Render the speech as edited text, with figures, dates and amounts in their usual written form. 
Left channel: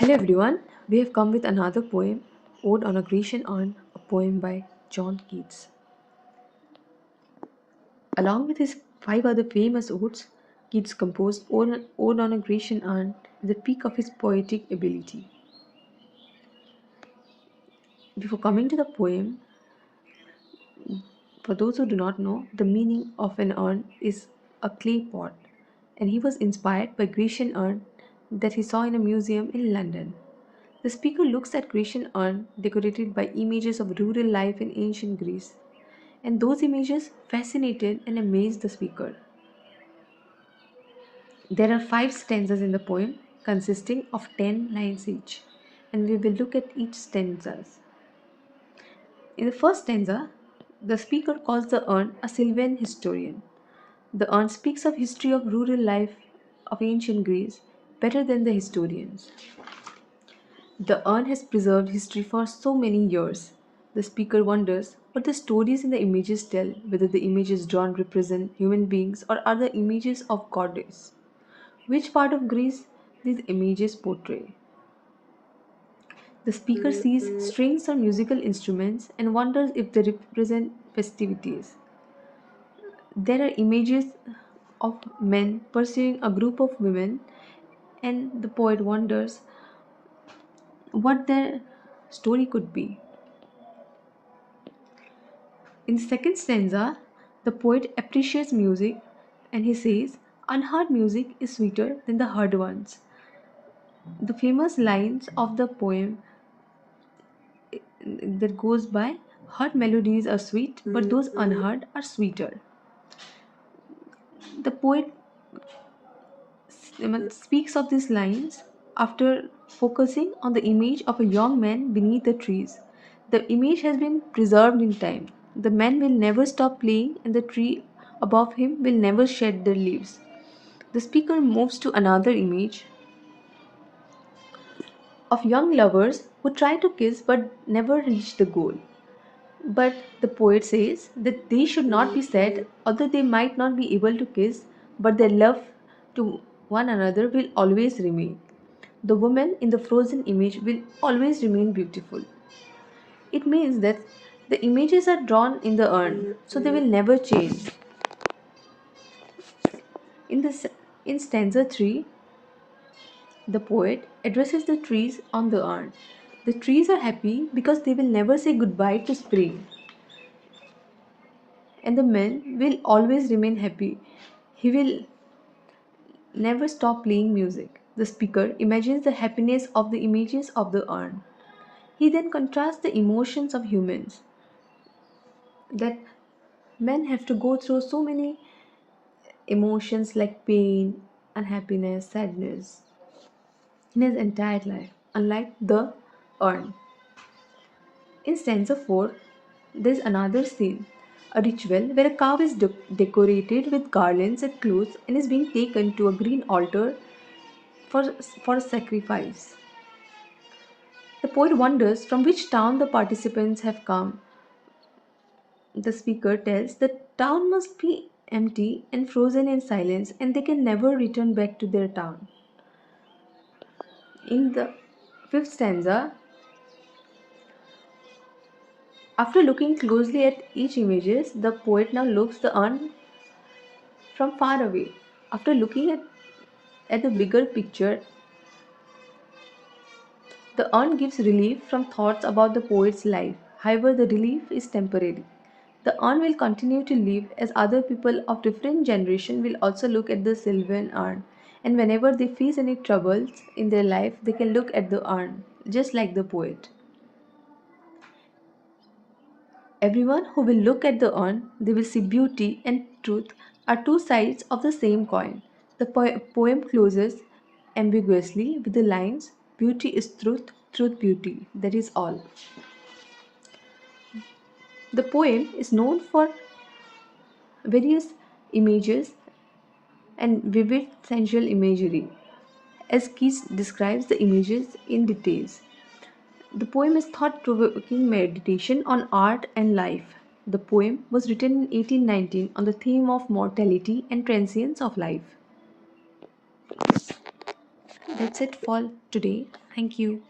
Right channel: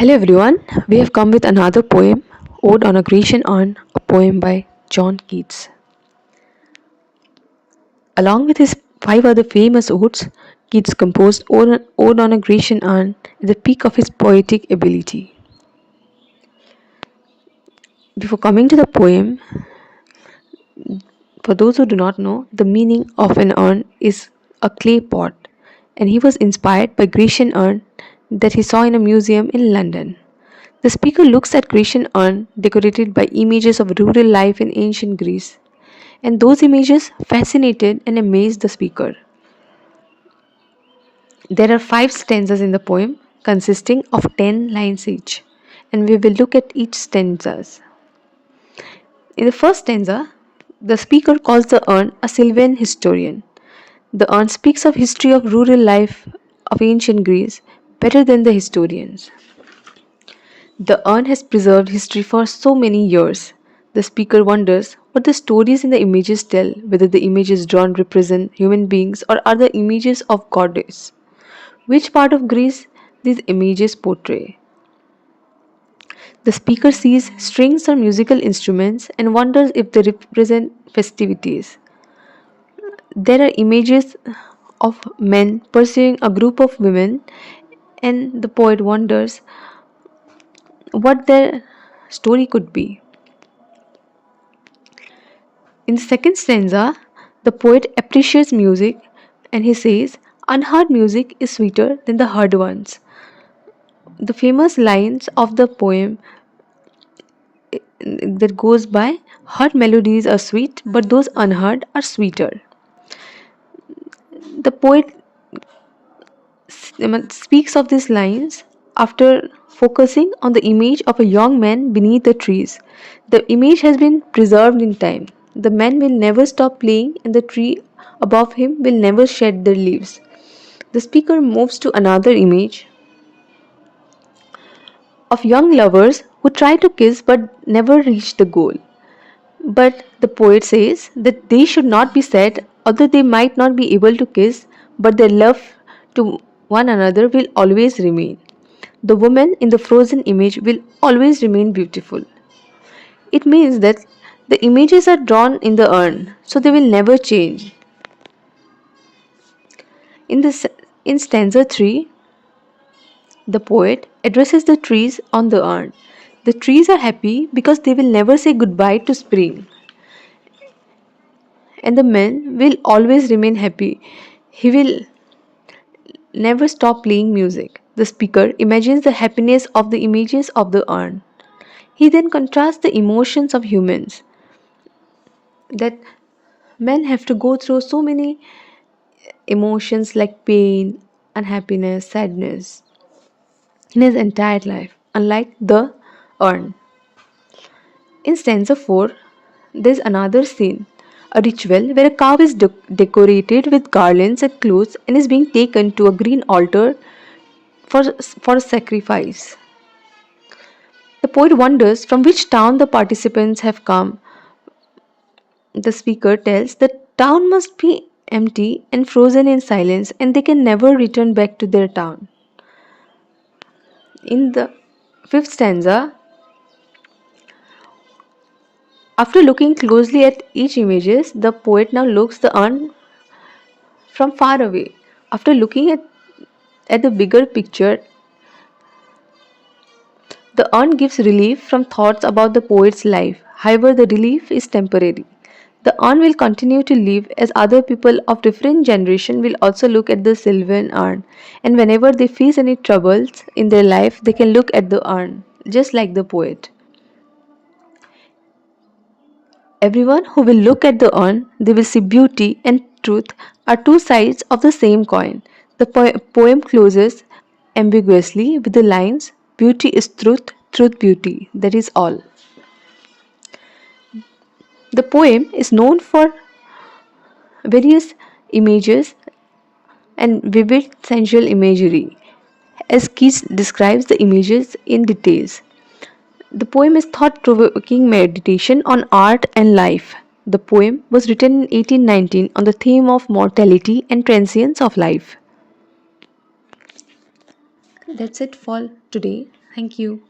Hello everyone, we have come with another poem, Ode on a Grecian Urn, a poem by John Keats. Along with his five other famous odes, Keats composed Ode on a Grecian Urn at the peak of his poetic ability. Before coming to the poem, for those who do not know, the meaning of an urn is a clay pot, and he was inspired by Grecian urn that he saw in a museum in London. The speaker looks at Grecian urn decorated by images of rural life in ancient Greece, and those images fascinated and amazed the speaker. There are five stanzas in the poem consisting of 10 lines each, and we will look at each stanzas. In the first stanza, the speaker calls the urn a Sylvan historian. The urn speaks of history of rural life of ancient Greece better than the historians. The urn has preserved history for so many years. The speaker wonders what the stories in the images tell, whether the images drawn represent human beings or are the images of goddess. Which part of Greece these images portray? The speaker sees strings or musical instruments and wonders if they represent festivities. There are images of men pursuing a group of women, and the poet wonders what their story could be. In the second stanza, the poet appreciates music and he says, unheard music is sweeter than the heard ones. The famous lines of the poem that goes by, heard melodies are sweet, but those unheard are sweeter. The poet speaks of these lines after focusing on the image of a young man beneath the trees. The image has been preserved in time. The man will never stop playing, and the tree above him will never shed their leaves. The speaker moves to another image of young lovers who try to kiss but never reach the goal. But the poet says that they should not be sad, although they might not be able to kiss, but their love to one another will always remain. The woman in the frozen image will always remain beautiful. It means that the images are drawn in the urn, so they will never change. In this in stanza 3, the poet addresses the trees on the urn. The trees are happy because they will never say goodbye to spring, and the man will always remain happy. He will never stop playing music. The speaker imagines the happiness of the images of the urn. He then contrasts the emotions of humans, that men have to go through so many emotions like pain, unhappiness, sadness in his entire life, unlike the urn. In stanza 4, there is another scene, a ritual where a cow is decorated with garlands and clothes and is being taken to a green altar for a sacrifice. The poet wonders from which town the participants have come. The speaker tells the town must be empty and frozen in silence, and they can never return back to their town. In the fifth stanza, after looking closely at each images, the poet now looks the urn from far away. After looking at the bigger picture, the urn gives relief from thoughts about the poet's life. However, the relief is temporary. The urn will continue to live as other people of different generation will also look at the Sylvan urn, and whenever they face any troubles in their life, they can look at the urn, just like the poet. Everyone who will look at the urn, they will see beauty and truth are two sides of the same coin. The poem closes ambiguously with the lines, beauty is truth, truth beauty, that is all. The poem is known for various images and vivid sensual imagery, as Keats describes the images in details. The poem is thought-provoking meditation on art and life. The poem was written in 1819 on the theme of mortality and transience of life. That's it for today. Thank you.